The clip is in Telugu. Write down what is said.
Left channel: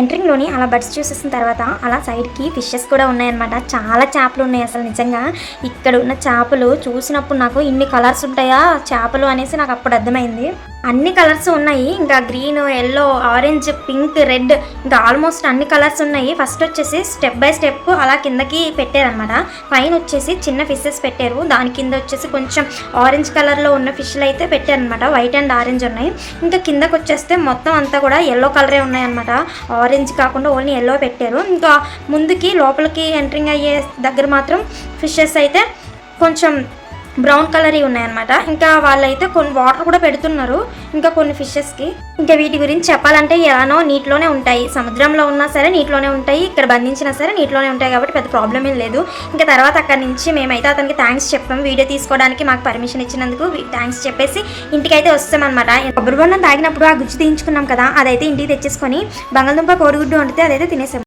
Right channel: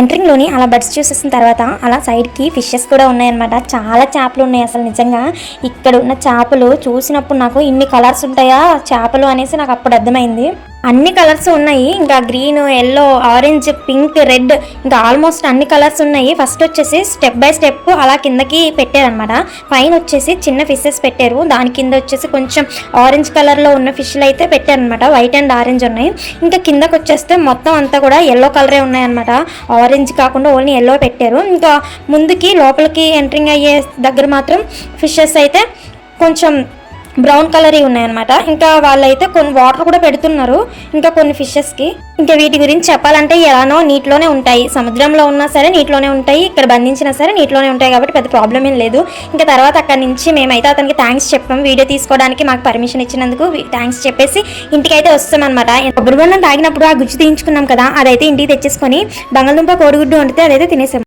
ఎంట్రింగ్లోని అలా బడ్స్ చూసేసిన తర్వాత అలా సైడ్కి ఫిషెస్ కూడా ఉన్నాయన్నమాట. చాలా చేపలు ఉన్నాయి. అసలు నిజంగా ఇక్కడ ఉన్న చేపలు చూసినప్పుడు నాకు ఇన్ని కలర్స్ ఉంటాయా చేపలు అనేసి నాకు అప్పుడు అర్థమైంది. అన్ని కలర్స్ ఉన్నాయి. ఇంకా green, yellow, orange, pink, red, ఇంకా ఆల్మోస్ట్ అన్ని కలర్స్ ఉన్నాయి. ఫస్ట్ వచ్చేసి స్టెప్ బై స్టెప్ అలా కిందకి పెట్టారనమాట. పైన వచ్చేసి చిన్న ఫిషెస్ పెట్టారు, దాని కింద వచ్చేసి కొంచెం ఆరెంజ్ కలర్లో ఉన్న ఫిష్లు అయితే పెట్టారనమాట. వైట్ అండ్ ఆరెంజ్ ఉన్నాయి. ఇంకా కిందకి వచ్చేస్తే మొత్తం అంతా కూడా ఎల్లో కలరే ఉన్నాయన్నమాట. ఆరెంజ్ కాకుండా ఓన్లీ ఎల్లో పెట్టారు. ఇంకా ముందుకి లోపలికి ఎంట్రింగ్ అయ్యే దగ్గర మాత్రం ఫిషెస్ అయితే కొంచెం బ్రౌన్ కలర్ ఉన్నాయన్నమాట. ఇంకా వాళ్ళైతే కొన్ని వాటర్ కూడా పెడుతున్నారు ఇంకా కొన్ని ఫిషెస్కి. ఇంకా వీటి గురించి చెప్పాలంటే ఎలానో నీటిలోనే ఉంటాయి, సముద్రంలో ఉన్నా సరే నీటిలోనే ఉంటాయి, ఇక్కడ బంధించినా సరే నీటిలోనే ఉంటాయి కాబట్టి పెద్ద ప్రాబ్లం ఏం లేదు. ఇంకా తర్వాత అక్కడి నుంచి మేమైతే అతనికి థ్యాంక్స్ చెప్పాము. వీడియో తీసుకోవడానికి మాకు పర్మిషన్ ఇచ్చినందుకు థ్యాంక్స్ చెప్పేసి ఇంటికైతే వస్తామన్నమాట. కొబ్బరి బొండం తాగినప్పుడు ఆ గుజ్జు తీయించుకున్నాం కదా, అదైతే ఇంటికి తెచ్చేసుకొని బంగాళదుంప కోడిగుడ్డు వండితే అదైతే తినేసాం.